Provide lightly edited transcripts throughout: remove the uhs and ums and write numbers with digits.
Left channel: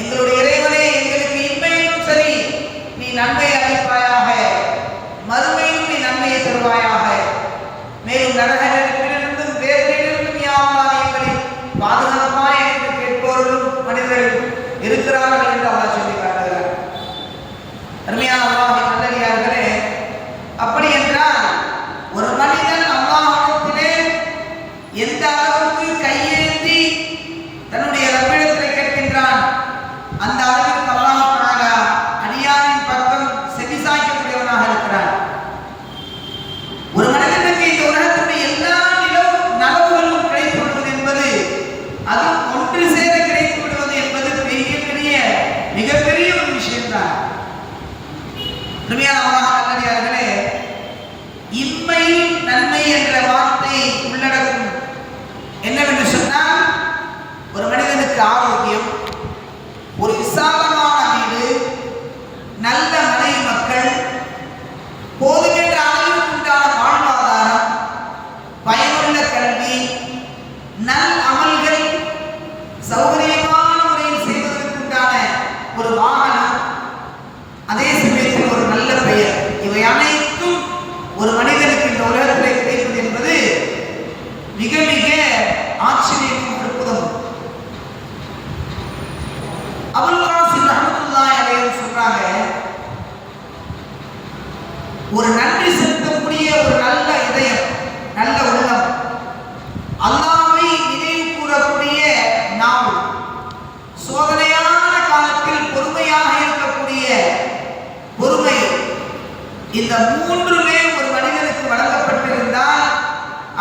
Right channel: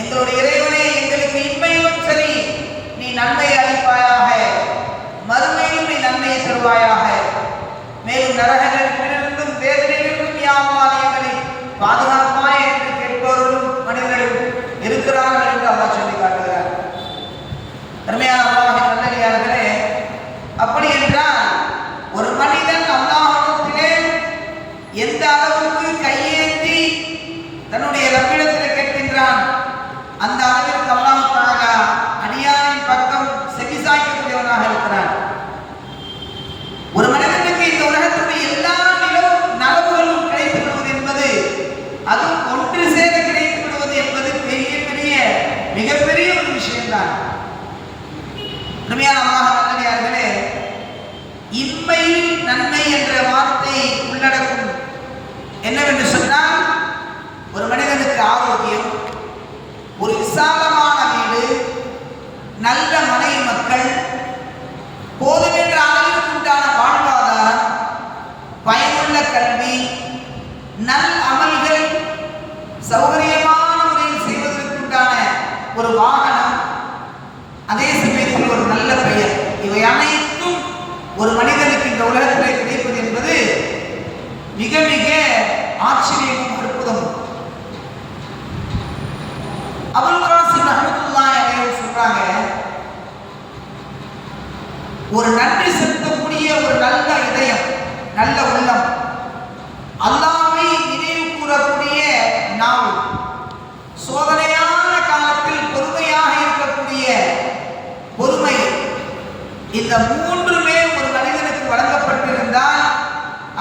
எங்களுடைய இறைவனே, எங்களுக்கு இன்மையிலும் சரி நீ நன்மையை அளிப்பாயாக, மறுமையிலும் நீ நன்மையை தருவாயாக, மேலும் நரகத்திலிருந்தும் வேதனைகளிலிருந்தும் யா அல்லாஹ் எங்களை பாதுகாப்பாய் என்று கேட்பவர்களும் மனிதர்கள் இருக்கிறார்கள் என்று அல்லாஹ் சொல்லி காட்டுகிறார். அருமையான அல்லாஹ்வின் நல்லடியார்களே, அப்படி என்றால் ஒரு மனிதன் அல்லாஹ்விடத்திலே எந்த அளவுக்கு கையேந்தி தன்னுடைய ரப்பிடத்திலே கேட்கின்றான், அந்த அளவிற்கு அல்லாஹ் தஆலா அடியாரின் பக்கம் செவிசாய்க்கக்கூடியவனாக இருக்கிறான். ஒரு மனிதனுக்கு இந்த உலகத்துடைய எல்லா நலவுகளும் கிடைத்து விடுவது என்பது, அதுவும் ஒன்று சேர கிடைத்து விடுவது என்பது பெரிய பெரிய மிகப்பெரிய ஒரு விஷயம்தான். உண்மையான அல்லாஹ் நல்லடியார்களே, இம்மையில் நன்மை என்ற வார்த்தை உள்ளடக்கும் என்னவென்று சொன்னால், ஒரு மனிதனுக்கு ஆரோக்கியம், ஒரு விசாலமான வீடு, நல்ல மனைவி மக்கள், போதுமென்ற அளவிற்கு உண்டான வாழ்வாதாரம், பயனுள்ள கல்வி, நல் அமல்கள், சௌகரியமான முறையில் செய்வதற்கு உண்டான ஒரு வாகனம், அதே சமயத்தில் ஒரு நல்ல பெயர், இவை அனைத்தும் ஒரு மனிதனுக்கு இந்த உலகத்தில் கிடைப்பது என்பது மிக மிக ஆச்சரியமும் அற்புதமும். அபுல் காசிம் ரஹ்மத்துல்லாஹி அலைஹி சொல்றாங்க, ஒரு நன்றி செலுத்தக்கூடிய ஒரு நல்ல இதயம், நல்ல உள்ளம், அல்லாஹ்வை நினைவு கூறக்கூடிய நாவு, சோதனையான காலத்தில் பொறுமையாக இருக்கக்கூடிய பொறுமை, இந்த மூன்றுமே ஒரு மனிதனுக்கு வழங்கப்பட்டிருந்தால்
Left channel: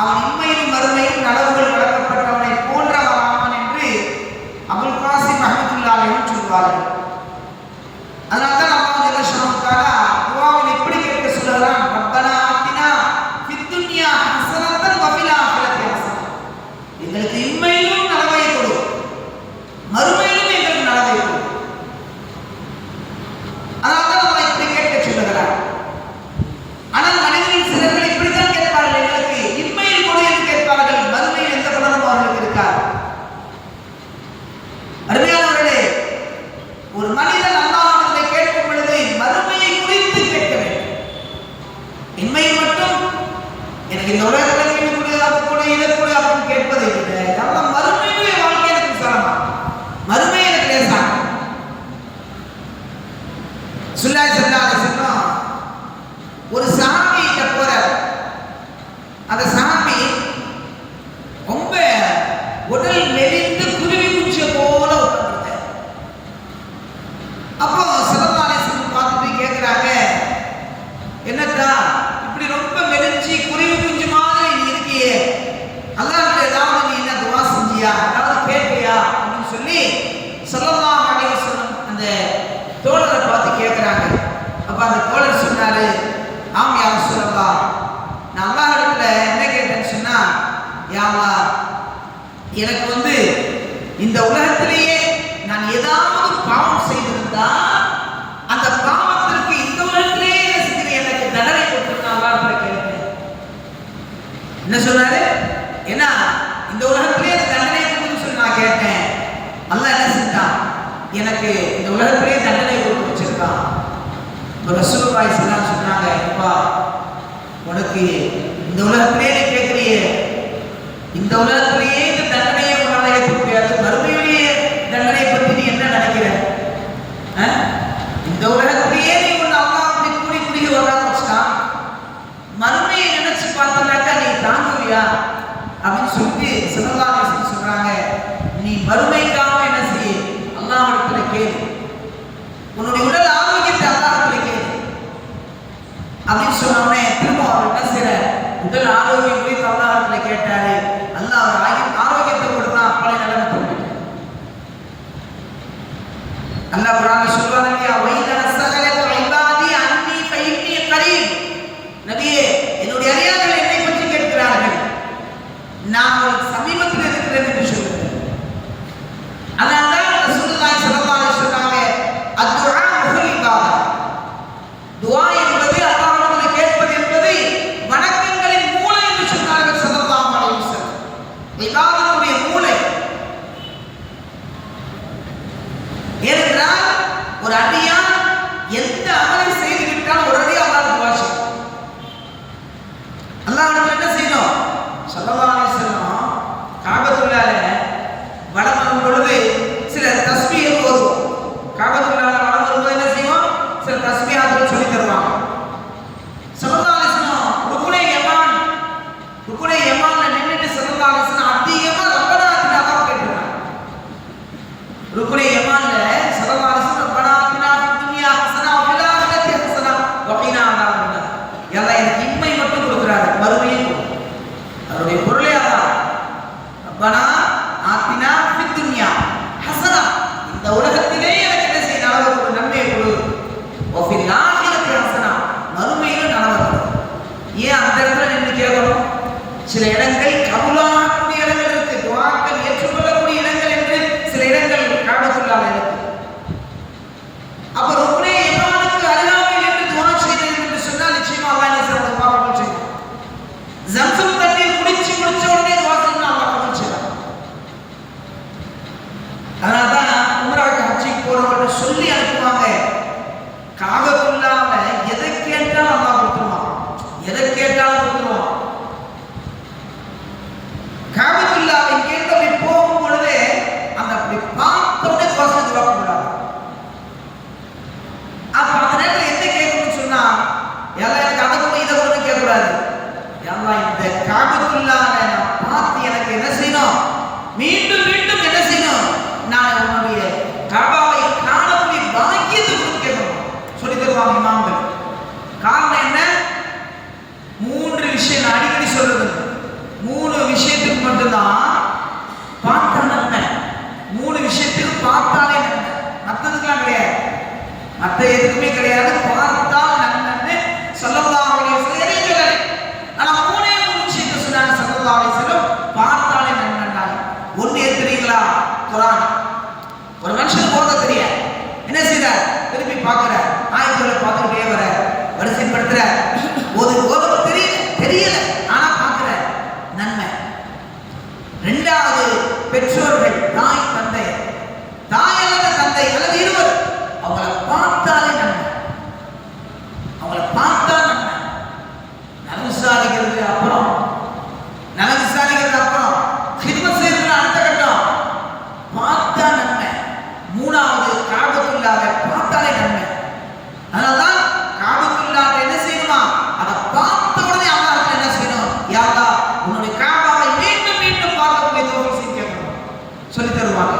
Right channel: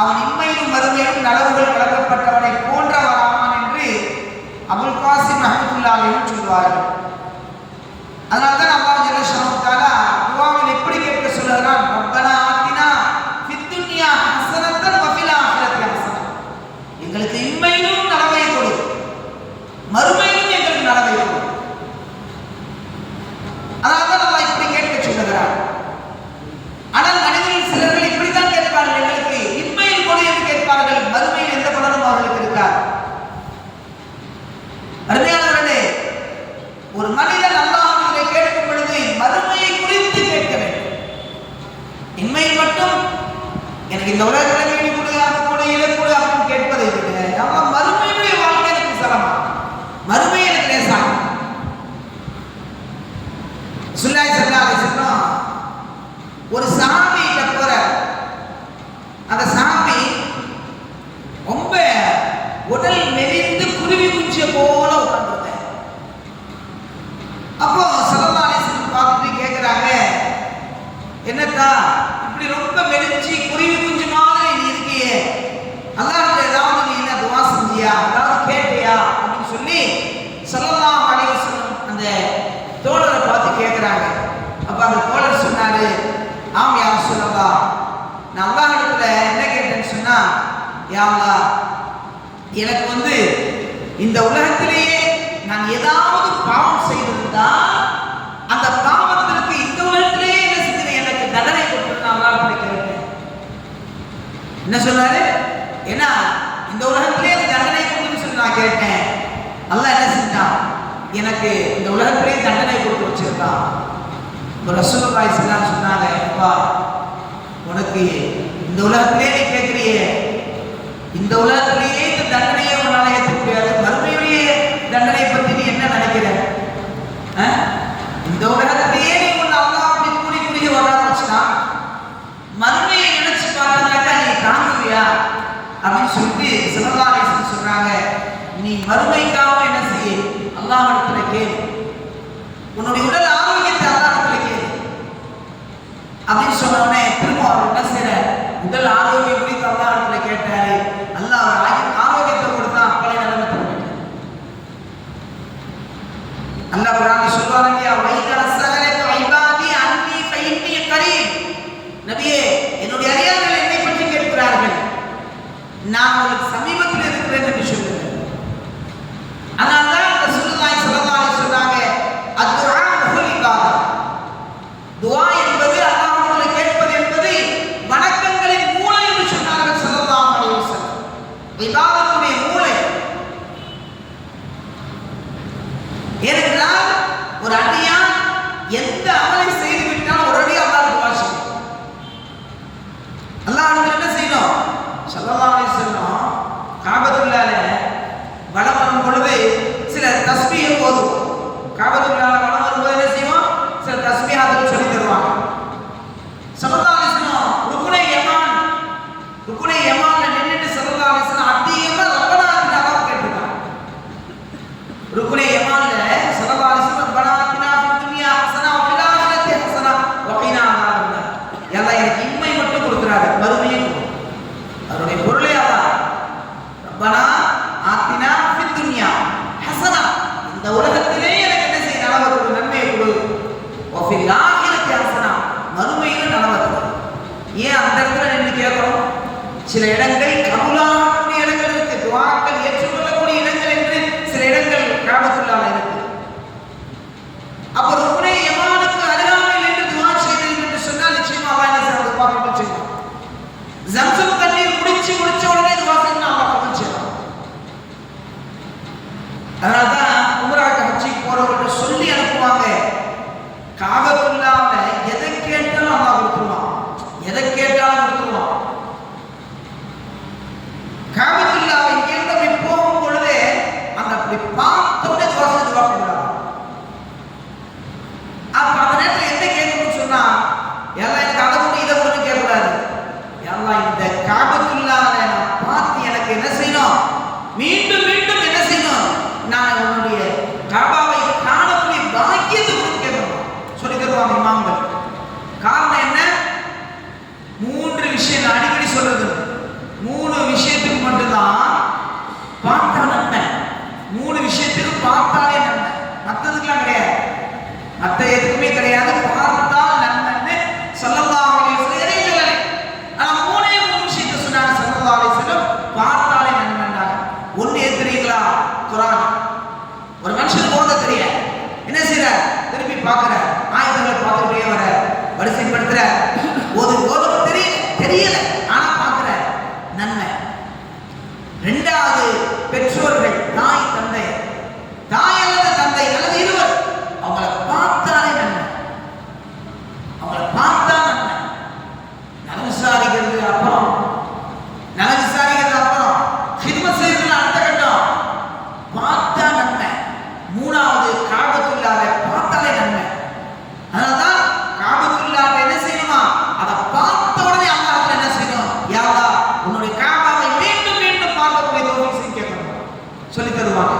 அவன் இன்மையிலும் மறுமையிலும் நலவுகள் வழங்கப்பட்டவனை போன்றவனான் என்று அபுல் காசிம் ரஹ்மத்துல்லாஹி அலைஹி சொல்வார்கள். அதனால்தான் அல்லாஹ் ஜல்ல ஷானஹு தஆலா துஆவில் எப்படி கேட்க சொல்கிறான், ரப்பனா ஆத்தினா ஃபித் துன்யா ஹஸனத்தன் வ ஃபில் ஆখিরাতি ஹஸனத், எங்களுக்கு இன்மையிலும் நலவை கொடு, மறுமையிலும் எங்களுக்கு நலவை கொடு. அதனால்தான் அல்லாஹ் இப்படி கேட்க சொல்கிறான். ஆனால் மனிதர்கள் சிலர்கள் இப்படித்தான் கேட்பார்கள், எங்களுக்கு இன்மையில் கொடு என்று கேட்பார்கள், மறுமையில் எந்த பலனும் அவர்களுக்கு இருக்காது. அருமையானவர்களே, ஒரு மனிதன் அல்லாஹ்விடத்திலே கேட்கும் பொழுது மறுமையை குறித்து கேட்க வேண்டும். இன்மையில் மட்டும் எனக்கு இந்த உலகத்தில் வீடு கொடு, அது கொடு, இதை கொடு அப்படின்னு கேட்பதை விட நம்ம மறுமையுடைய வாழ்க்கை எனக்கு சிரமம், மறுமை எனக்கு லேசாகும். ரசூலுல்லாஹி ஸல்லல்லாஹு அலைஹி வஸல்லம் ஒரு சஹாபியிட்ட போறார். அந்த சஹாபி ரொம்ப உடல் மெலிந்து குருவி குஞ்சிய போல உட்கார்ந்திருக்கார். அப்போ ஸல்லல்லாஹு அலைஹி வஸல்லம் பார்த்துட்டு கேட்கிறாங்க, என்னத்தா இப்படி ரொம்ப மெலிஞ்சி குருவி குஞ்சு மாதிரி நீ இருக்கியே, அல்லாஹ்விட ஏதாவது நீ என்ன துஆ செஞ்சியா, ஏதாவது கேட்டியா அப்படின்னு சொல்லி ஸல்லல்லாஹு அலைஹி வஸல்லம் அந்த தோழரை பார்த்து கேட்கிறாங்க. அப்ப அந்த தோழர் சொன்னாரு, ஆம் யா ரசூலல்லாஹ், நான் அல்லாஹ்விடத்துல என்ன கேட்டேன்னு சொன்னா, யா அல்லாஹ், எனக்கு இந்த உலகத்திலேயே நான் ஏதாவது பாவம் செய்திருந்தா அந்த பாவத்திற்கு இந்த உலகத்திலேயே என்ன செஞ்சு எனக்கு தண்டனை கொடுத்து அல்லாஹ்விட கேட்டேன். என்ன சொன்னாரு, ஏன்னா இந்த உலகத்திலேயே அந்த தண்டனை கொடுன்னு சொல்லி நான் கேட்டேன். அல்லாஹ் என்ன செஞ்சான், எனக்கு இந்த உலகத்திலேயே தண்டனை கொடுத்து வச்சிருக்கான். ரசூலுல்லாஹி ஸல்லல்லாஹு அலைஹி வஸல்லம் சொன்னாங்க, அப்பா உனக்கு இந்த உலகத்திலேயே நீ கேட்கிறியே, இந்த உலகத்திலேயே இந்த தண்டனையை உன்னால ஏற்க முடியாது, மறுமையுடைய தண்டனை பத்தி நீ என்ன நினைக்கிற? இந்த உலகத்திலேயே நீ உன்னை அல்லாஹ் அப்படி கூடி குறுகி வர வச்சுட்டான், மறுமையை நினைச்சு பார்த்தாக்கா நீ தாங்குவியா அப்படின்னு சொல்லிட்டு ஸல்லல்லாஹு அலைஹி வஸல்லம் சொல்றாங்க, நீ மறுமைக்காக என்ன செய்ய, அல்லாஹ்விடத்துல கேளு, உன்னுடைய உடல் ஆரோக்கியத்தை அல்லாஹ்விடத்துல கேளு அப்படின்னு சொன்ன உடனே திரும்ப அவர் என்ன செய்யற, உடல் ஆரோக்கியம் குறித்து அல்லாஹ்விடத்துல கேட்டாரு. அல்லாஹ் ஆரோக்கியத்தை கொடுத்தான், அப்பளை நிலைமை திரும்பிட்டு. அல்லாஹ் குர்ஆன்ல சொல்றான் இல்லையா, வைதா சஅலக இபாதி அன்னி ஃபஇன்னி கரீப், நபியே என்னுடைய அடியார்கள் என்னை பற்றி கேட்கிறார்கள், நான் அவர்களுக்கு சமீபத்தில் இருக்கிறேன் என்று சொல்லுங்கள். அதனால்தான் ரசூலுல்லாஹி ஸல்லல்லாஹு அலைஹி வஸல்லம் சொன்னாங்க, அத்ஆ முஹல் இபாதா, துஆ என்பது அல்லாஹ்விடத்தில் கேட்பது என்பது வணக்கங்களின் மூலை என்று சொன்னார்கள் ஸல்லல்லாஹு அலைஹி வஸல்லம். இபாதத்துடைய மூலை. ஏனென்றால் ஒரு அடியான் எந்த அமலை செய்து விட்டால் உடனே அல்லாஹ் துஆ செய்யும். அல்லாஹ் நம்ம என்ன செய்யணும்? ஸல்லல்லாஹு அலைஹி வஸல்லம் காபத்துல்லாஹ்ல வலம் வரும் பொழுது சில தஸ்பீஹ் ஓதுவோம். காபத்துல்லாஹ்ல வலம் வரும்போது என்ன செய்வோம்? சில தஸ்பீஹாத்துகள் சொல்லி தருவாங்க. ஸல்லல்லாஹு அலைஹி வஸல்லம் ருக்குனே யமான்ல நின்னுட்டு ஸல்லல்லாஹு அலைஹி வஸல்லம் அதிகமா ரப்பனா ஆத்தினா கேட்டிருக்காங்க. ருக்குனே யமான்ல ஸல்லல்லாஹு அலைஹி வஸல்லம் ரப்பனா ஆத்தினா ஃபித் துன்யா ஹஸனா வ ஃபில் ஆখিরাতি ஹஸனா வ கீனா அஸாபன்னார். அல்லாஹ் எனக்கு இம்மை மட்டும் கொடுக்கிறாரு, மறுமையும் கொடு. அவருடைய பொருளே அதான். ரப்பனா ஆத்தினா ஃபித் துன்யா ஹஸனா, இந்த உலகத்திலே எனக்கு என்ன செய்ய நலவை கொடு, நன்மையை கொடு. வ ஃபில் ஆখিরাতি ஹஸனா, மறுமையில நலவை கொடு. ஏன் அந்த இடத்துல நின்று கேட்கணும்? சில இடங்கள் கபூலாகக்கூடிய இடங்கள் இருக்கு, துஆக்கள் ஏற்றுக்கொள்ளக்கூடிய இடங்கள் என்று சில இடங்கள் காபத்துல்லாஹ்ல இருக்கு. அப்ப ருக்னே யமானுக்கு அருகாமையில் என்று துஆ செய்தது என்று சொன்னால் நிச்சயமா அல்லாஹ் என்ன செய்வான்? துஆ கபூல் செய்வான். ஜம்சம் தண்ணீர் குடிச்ச உடனே துஆ செய்யணும், அல்லாஹ் கபூல் செய்வான். அதனால தான் உம்ராவுக்கு ஹஜ்ஜுக்கு போறவங்க சொல்லி அனுப்புவாங்க, காபத்துல்லாஹ்ல எதை கேட்டாலும் அல்லாஹ் கொடுத்துருவான், எதை கேட்டாலும் கொடுத்துருவான். காபத்துல்லாஹ்வை கேட்டபடி போகும் பொழுது அந்த அப்படி பார்த்தோடனே வசதி வாக்கப்படாது. அப்ப அந்த நேரத்தில் என்ன கேட்கணும்னு சொன்னா, எல்லாம் எனக்கு அதை கூட இதை கூட கேட்கக்கூடாது. எல்லாம் இந்த காபத்துல்லாஹ்வை நான் பார்த்து எனக்கு என்ன செய்யணும்? மீண்டும் மீண்டும் என்ன செய்யணும்? நான் உன்னுடைய காபாவை காணக்கூடிய பாக்கியத்தை கூட கேட்கணும் சொல்லி தருவாங்க இமாம்கள். காரணம் என்ன? 3 விஷயம் நான் அடிக்கடி சொல்றது. 3 விஷயத்துக்கு மட்டும்தான் பார்த்தா நன்மை. 3 விஷயத்துக்கு பார்த்தாலே நன்மை, மற்றதுக்கெல்லாம் கிடையாது. மற்ற எதுக்குமே கிடையாது. பார்த்தால் நன்மைன்னு ஸல்லல்லாஹு அலைஹி வஸல்லம் எதையும் சொல்லலை. ஆனா 3 விஷயத்தை சொன்னாங்க ஸல்லல்லாஹு அலைஹி வஸல்லம், பார்த்தாலே நன்மைன்னாங்க. ஒண்ணு ஏன் தெரியுங்களா? குர்ஆன். ஒரு மனுஷன் போறத தெரியாது, என்ன செய்யறார்? திருப்பி பார்க்கிற, ஆயத்துகளை பார்த்துக்கிட்டே வர, வரிசைப்படுத்துற, ஓத தெரியல ஆனா பார்க்கிற, நன்மை. 2வது பெற்றோர்கள், தாய் தந்தை, தாய் அல்லது தந்தை அல்லது இருவர், அவங்களை பார்த்தாலே நன்மை, அவங்களை பார்த்தா நன்மை. நலம் விசாரிக்கிறது அப்புறம், ஹித்மத் செய்யறது அடுத்த கட்டம். பார்த்தா நன்மை. 3வது காபத்துல்லாஹ்வை பார்த்தாலே நன்மை. அதனால்தான் காபத்துல்லாஹ்வை என்ன செய்யணுமா? அதை பார்த்த உடனே அல்லாஹ்வுக்கு என்ன செய்யணும்? யா அல்லாஹ், உன்னுடைய காபாவை மீண்டும் மீண்டும் பார்க்கக்கூடிய தௌஃபீக் செய்ய கேட்கணும் சொல்லி தருவாங்க.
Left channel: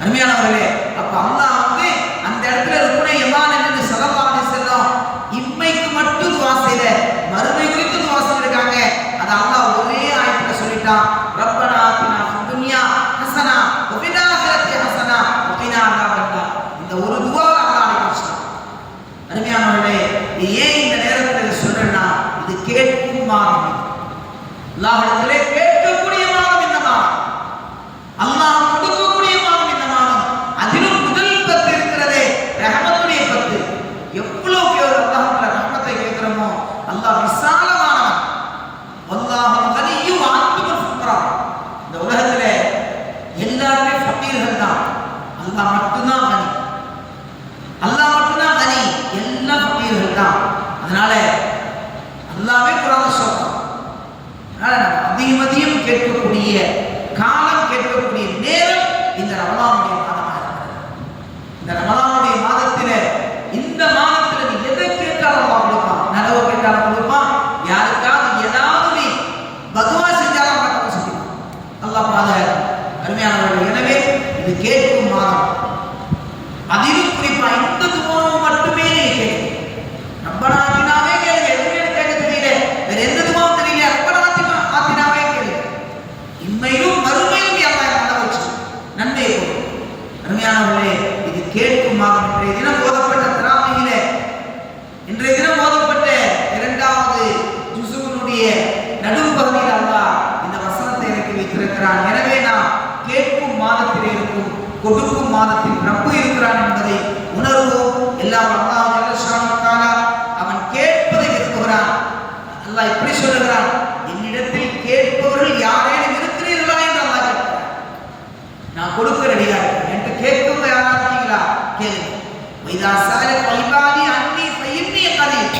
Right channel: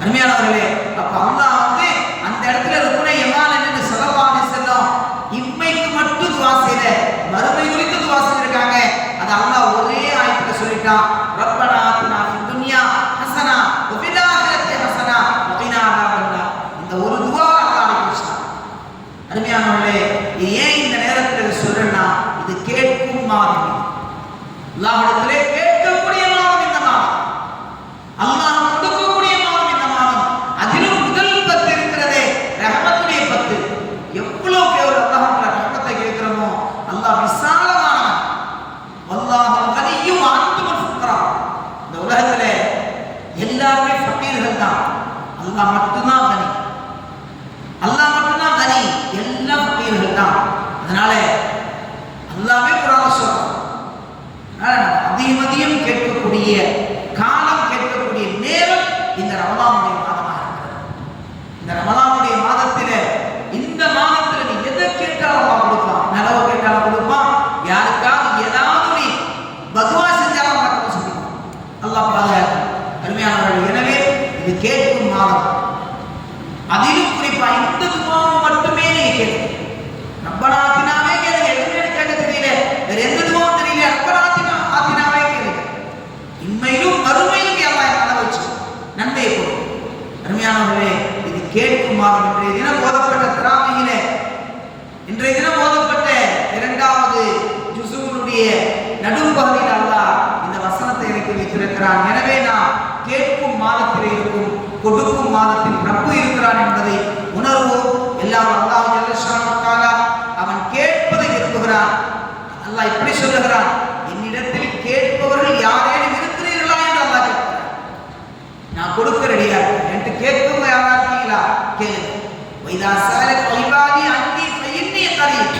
அருமையானவர்களே, அப்ப அல்லாஹ் வந்து அந்த இடத்துல ருக்னே யமான் என்று ஸல்லல்லாஹு அலைஹி வஸல்லம் இம்மைக்கு மட்டும் துஆ செய்யல, மறுமை குறித்து துஆ செஞ்சிருக்காங்க. அது அல்லாஹ் ஒரே ஆயத்துல சொல்லிட்டான், ரப்பனா ஆத்தினா ஃபித் துன்யா ஹஸனா வ ஃபில் ஆখিরাতি ஹஸனா வ கீனா அஸாபன்னார். இந்த ஒரு துஆவை அல்லாஹ் அளிக்கிறான். அருமையானவர்களே, ஏன் இந்த நேரத்தில் சொல்றேன்னா, இது கேட்கும் மாதம். அல்லாஹ்விடத்திலே கேட்கக்கூடிய மாதம் இந்த மாதம், அல்லாஹ் கொடுக்கக்கூடிய மாதம் இந்த மாதம். அதிலும் முதல் 10 இருக்கிறதே ரஹமத்துடைய 10. எவ்வளவு ஒரு அல்லாஹ்வுடைய ரஹமத்தை கேட்கிறோமோ, அல்லாஹ் விசாலமானவன். அல்லாஹு கனியும் அன்துல் ஃபுக்ரா. இந்த உலகத்திலே எல்லாருமே ஃபகீர்கள் தான், அல்லாஹ் மட்டும்தான் கனி. அல்லாஹ் மட்டும்தான் கனி, எல்லா ஃபகீர்கள் தான். அதனால அல்லாஹ்வே குர்ஆன் சொல்றான். அதனால நம்ம அதிகம் கேட்கக்கூடிய காலம், கேட்கக்கூடிய நேரம் இந்த ரமலானுடைய மாதமாக இருக்கிறது. இந்த ரமலானுடைய மாதத்திலே, இந்த மாதத்தில் நீ எதை கேட்டாலும் அல்லாஹ் கொடுப்பான். நலவு கேட்டாலும் கொடுப்பான், யாருக்காவது ஏதாவது நீ பதுவா செஞ்சாலும் அல்லாஹ் கபூல் செய்வான். அல்லாஹ் பாதுகாக்கும். அருமையானவர்கள், எனவே இது கேட்கும் மாதம். அதிலும் குறிப்பா இந்த துஆவை மட்டுமே நீங்க கேளுங்க. ரப்பனா ஆத்தினாவே கேளுங்க. எதுவுமே கேட்க தெரியல, வேற எந்த துஆவும் தெரியல, ரப்பனா ஆத்தினாவே கேளுங்க. இம்மையிலும் மறுமையிலும் அல்லாஹ் என்ன வச்சு நன்மையை கொடுக்கும். அருமையானவர்களே, இது கேட்கும் மாதம். இன்றைய தினம் ஓதப்பட்ட தராவீஹிலே, இன்றைய தினம் ஓதப்பட்ட 2வது ஜுஸுனுடைய நடுப்பகுதியில் அல்லாஹ் இந்த வசனத்தை இறக்கி வைத்திருக்கிறான். எனவே நாம் கேட்கும் மாதத்திலே இருக்கும், கொடுக்கும் மாதத்தில் ரப்பு இருக்கிறான் என்பதை உணர்வோம். எல்லாம் அல்லாஹ் ஜல்ல ஷானஹு வ தஆலா அவன் கேட்பதை விரும்புகிறான். அல்லாஹ் இப்படி சொல்லுகிறான், என்னிடத்தில் கேட்பவர்கள் யாரேனும் இருக்கிறீர்களா என்று அல்லாஹ் கேட்கிறான். நான் கொடுக்க ரெடியா இருக்கேன். என்கிட்ட கேட்கும் யாரா இருக்கீங்களா? கேளுங்க. வைதா ஸஅலக இபாதி அன்னி ஃபஇன்னி கரீப்.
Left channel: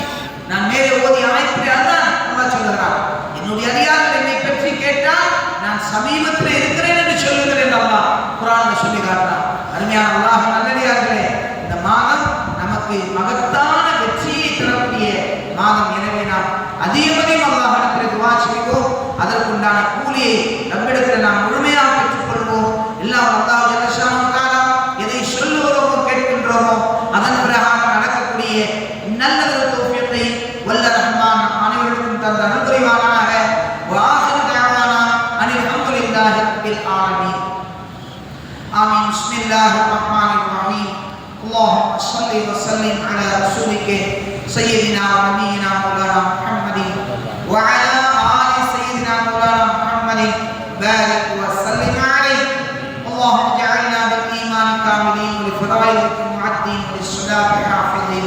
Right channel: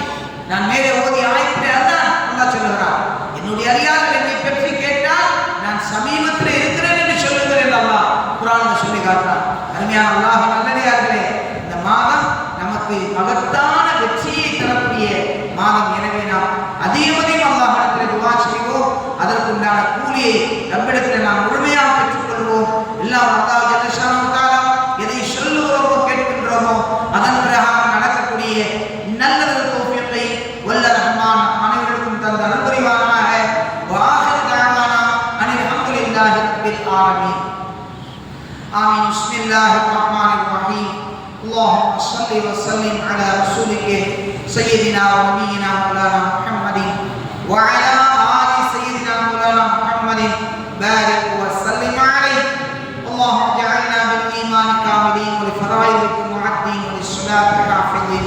நான் மேலே ஓதி ஆயத்திலே அல்லாஹ் சொல்லுகிறார், என்னுடைய அடியார்கள் என்னை பற்றி கேட்டால் நான் சமீபத்தில் இருக்கிறேன் என்று சொல்லுகிறேன் அல்லாஹ் குர்ஆனில் சொல்லி காட்டுறான். அருமையான அல்லாஹ் நல்லடியார்களே, இந்த மாதம் நமக்கு மகத்தான வெற்றியை தரக்கூடிய மாதம். எனவே நாம் அதிகமதியும் அல்லாஹ்விடத்தில் துஆ செய்வோம். அதற்குண்டான கூலியை நம்மிடத்தில் நாம் முழுமையாக பெற்றுக்கொள்வோம். எல்லாம் அல்லாஹ் ஜல்ல ஷானஹு தஆலா எதை சொல்லுகிறோமோ கேட்கின்றோமோ அதன் பிரகாரம் நடக்கக்கூடிய நல்ல தௌஃபீகை வல்ல ரஹ்மான் அனைவருக்கும் தந்த அனுகிரகமாக. வாஹிரு தஅவானா அனில் ஹம்துலில்லாஹி ரப்பில் ஆலமீன். ஆமீன். பிஸ்மில்லாஹிர் ரஹ்மானிர் ரஹீம். اللهم صل وسلم على رسولك سيدنا ونبينا مولانا محمد وعلى آل سيدنا مولانا محمد بارك وسلم عليه. اللهم اجعلنا بالإيمان كاملين ولفرائضك معدين وللصلاة حافظين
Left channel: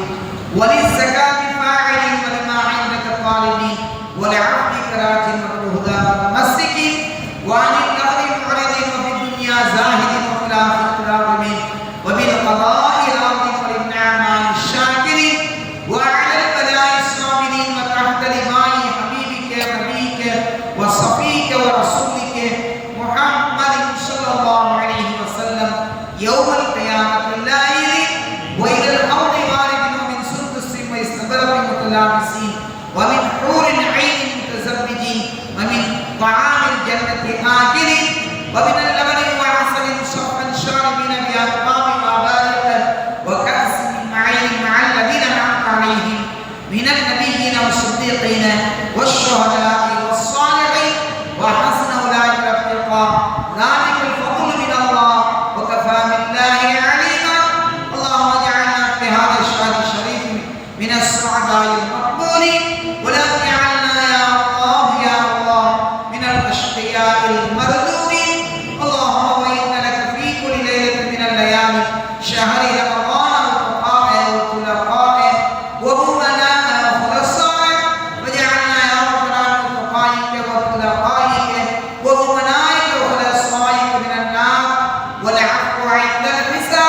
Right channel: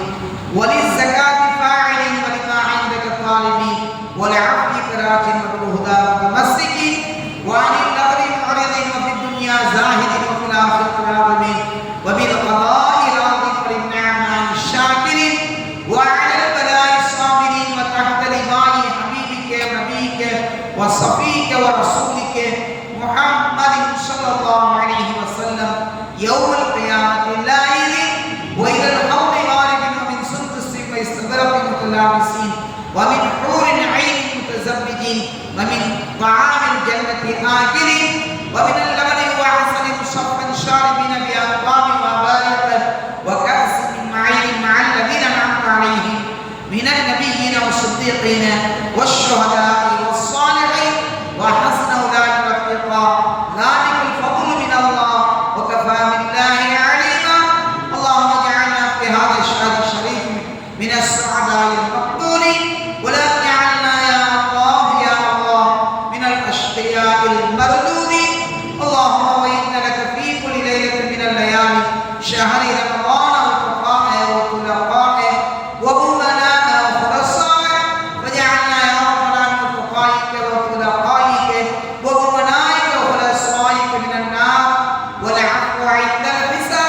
وللزكاة فاعلين ولما عندك طالبين ولعفوك راجين وبالهدى متمسكين وعن اللغو معرضين وفي الدنيا زاهدين وفي الآخرة راغبين وبالقضاء راضين وللنعماء الشاكرين وعلى البلاء الصابرين وتحت لواء حبيبك نبيك وصفيك ورسولك محمد صلى الله عليه وسلم يوم القيامة اللائل وإلى الحوض وارد ومن سندس واستبرق متلابسين ومن حور عين متزوجين ومن طعام الجنة آكلين ومن اللبن وعسل مصفى شاربين بأكواب وأباريق وكأس من معين مع الذين أنعمت عليهم من النبيين والصديقين والشهداء والصالحين وحسن أولئك رفيقا. ذلك الفضل من الله وكفى بالله عليما. اللهم اجعلنا في هذا الشهر الشريف من السعداء المقبولين ولا تجعلنا يا الله من الأشقياء المردودين. اللهم وإن لك في كل ليلة من الليالي شهر رمضان وخلفائه وأمناء وخلصائه واجعلنا يا ربنا من تقائك وخلفائك وأمنائك وخلصائك من النار والعفو عند الحساب